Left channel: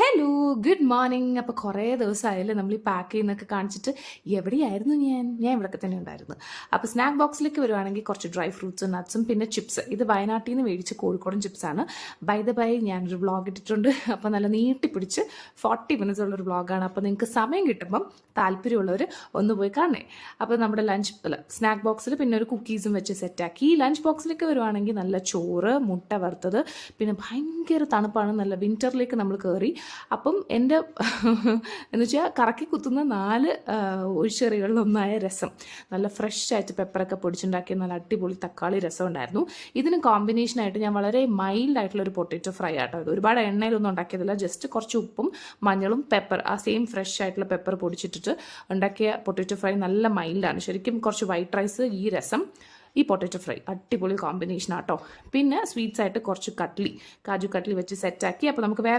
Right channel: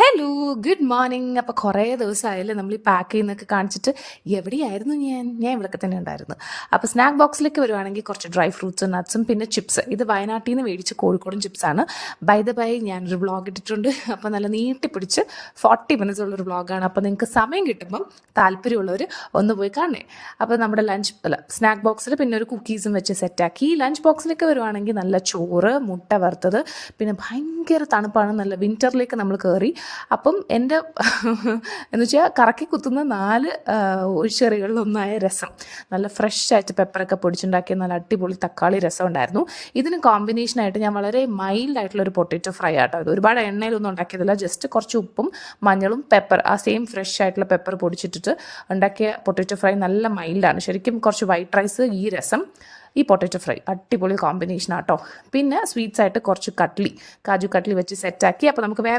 Hello, good morning. അപ്പോൾ കുറേ ദിവസമായാലും നമ്മൾ ഈ പാക്ക് ചെയ്യുന്നൊക്കെ കാണിച്ചിട്ട് എവിടെയായിരുന്നു ഞാൻ ഇവിടെയൊക്കെ തന്നെ ഉണ്ടായിരുന്നു. അപ്പോൾ സ്നാക്ക് ബോക്സിലേക്ക് വരുവാണെങ്കിൽ കുറച്ച് ഡ്രൈ ഫ്രൂട്ട്സും നട്ട്സും പിന്നെ ചിപ്സ്. ഇത് വയനാട്ടിൽ നിന്ന് മേടിച്ച് കോഴിക്കോടൻ ചിപ്സാണ്. ബൈ ദ ബൈ ഞാനൊരു വ്ളോഗ് ഇട്ടിട്ടുണ്ട്. അപ്പോൾ നല്ല നീട്ടിപ്പിടിച്ച് 40 മിനിറ്റ്സ് ഉള്ളൊരു വ്ളോഗാണ്. അപ്പോൾ നിങ്ങൾക്ക് സമയം കിട്ടുമ്പം താല്പര്യമുള്ളവർ ഒന്ന് പോയി കാണണേ. അപ്പോൾ നമ്മുടെ സ്നാക്ക് ബോക്സിൽ പിന്നെ ഒരു കുക്കീസും വെച്ച് സെറ്റാക്കി. ലഞ്ച് ബോക്സിലേക്ക് വരുവാണെങ്കിൽ നല്ല ചോറ്, മുട്ട വറുത്തത്, പിന്നെ ഭയങ്കര തണുപ്പാണ്, നല്ല വിൻ്ററിലേക്ക് നമ്മൾ കയറി. അപ്പം എൻ്റെ എന്ന് വെച്ചാൽ കറക്കി കുത്തുന്ന 4 ഒഴിച്ചെറികളിലൊന്നായ രസം, നല്ല ഫ്രഷ് ആയിട്ട് പെപ്പറൊക്കെ പൊടിച്ചുണ്ടാക്കിയ നല്ല അടിപൊളി തക്കാളി രസം ഉണ്ടായിരുന്നു. ഇതിന് കോമ്പിനേഷനായിട്ട് ഞാൻ വളരെ മൈൽഡായിട്ടുള്ളൊരു പൊട്ടറ്റോ ഫ്രൈ ആട്ടോ. ഇത് ഒരുപാട് എണ്ണയിലൊന്നും ഉണ്ടാക്കിയതില്ല, ജസ്റ്റ് കുറച്ച് ഉപ്പും മഞ്ഞളും പെപ്പർ, ആ സെയിം ഫ്രഷ് ആയിട്ടുള്ള പെപ്പർ പൊടിച്ചിട്ടിട്ട് ഉണ്ടാക്കിയ പൊട്ടറ്റോ ഫ്രൈ നല്ല മൈൽഡാണ്. ശരിക്കും കുറച്ച് വൈറ്റ് റൈസ്, ഈ രസം, ഈ പൊട്ടറ്റോ ഫ്രൈ അടിപൊളി കോമ്പിനേഷൻ ആട്ടോ. പിന്നെ സ്വീറ്റ്സ് ആയിട്ട് കുറച്ച് കാജു കട്ട്ലി വെച്ച് സെറ്റാക്കി. അപ്പോൾ നമുക്ക് വേറെ